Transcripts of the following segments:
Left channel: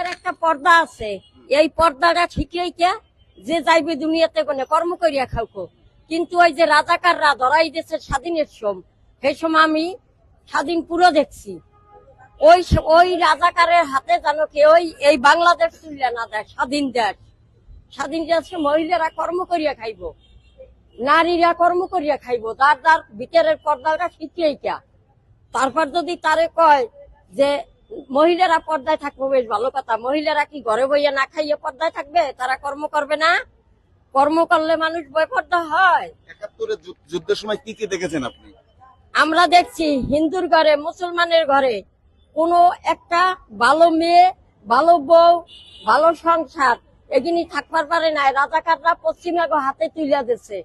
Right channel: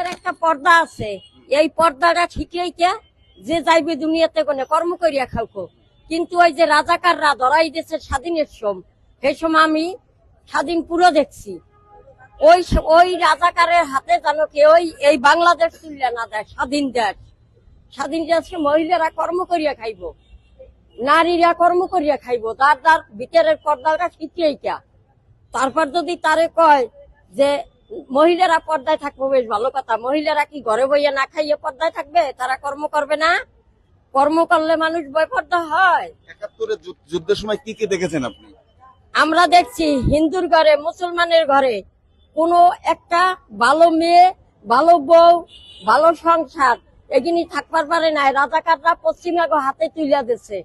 এর একটা পর্দা আছে, এই পর্দাটা ঠিকই কে যে যাইবে দুনিয়াতে কোনে কর্ম করিয়া খাওকো। কিন্তু ওই যে রাজাকাররা ধরাই দিয়েছে স্বাধীনের সেই সময় আমি স্বাধীন পুরো দেখছি। ওই রাজাকারের হাতে জানো কি ওই এই বাংলাদেশ তুললে না দেয়। স্বাধীন দেশে মহিলারা কর্ম করিয়া খাইব, নারীরা কর্ম করিয়া খাইব, যার ভিতরের পর্দাটা ঠিকই কে। তারপর যদি তারে কয় যে মহিলারা পর্দায় থাকবো, বেশ ভালো কথা। মহিলারা কি ঘরে বইয়া না খাইয়ে পর্দায় থাকবে? তারা কর্ম করবে না? কর্ম করলে মানুষ বেপর্দা হয়। ৭১-এর যুদ্ধের সময় কি কি দেখেছেন আপনি? আমরা দেখছি হিন্দুর ঘরে, মুসলমানের ঘরে কোনো একটা ভালো মেয়ে, ভালো বউ, ভালো সংসার এগিনি থাকবার পারে নাই। রাজাকাররা পশ্চিমবঙ্গ হাতে তুলে দিচ্ছে,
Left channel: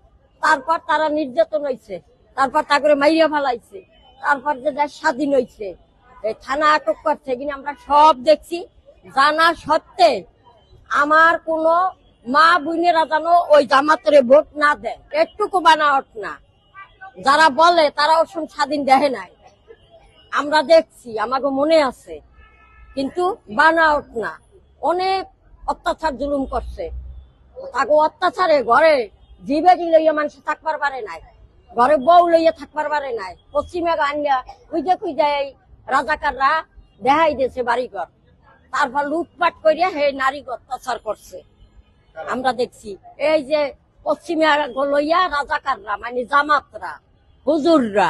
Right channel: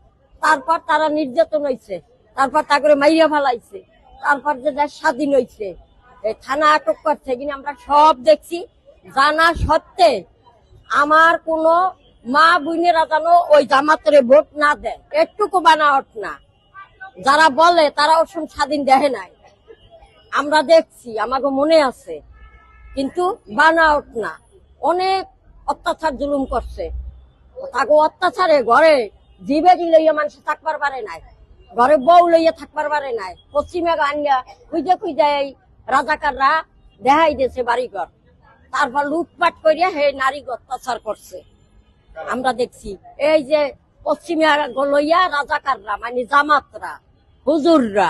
তারপর তারা নির্যাতন হয়েছে, তারপর তারপরে মাইরা ফেলাইছে, তারপর যে দেশ স্বাধীন হয়েছে, থানা আটক করছে কিনা আমরা সব দেখছি। জানা সত্ত্বে আমার কোনো মা বোনেরা যেন ওই জামাতরে ভোট না দেয়, একটুকু বানাওয়াট না। যারা বলে তারা ওসব স্বাধীন দেখে নাই, আমরা দেখছি, আমাকে মনে আছে। কিন্তু বানাওট না, অনেক অত্যাচার জুলুম করছে। তাকে অত্যাচারে ঘরে জীবেরি লইয়া মানুষ থাকবার পারে নাই, ঘরে বউ লইয়া থাকবার পারে নাই। পশ্চিমে আনিয়া খুঁজে এই রাজাকাররা দেখাই দিয়েছে বাড়িঘর, তারপর লুটপাট করিয়া হে নারী অত্যাচার করছে। আমরা দেখছি এই যে পশ্চিমে লইয়া রাজাকাররা মানে জামাতরা, হুজুররা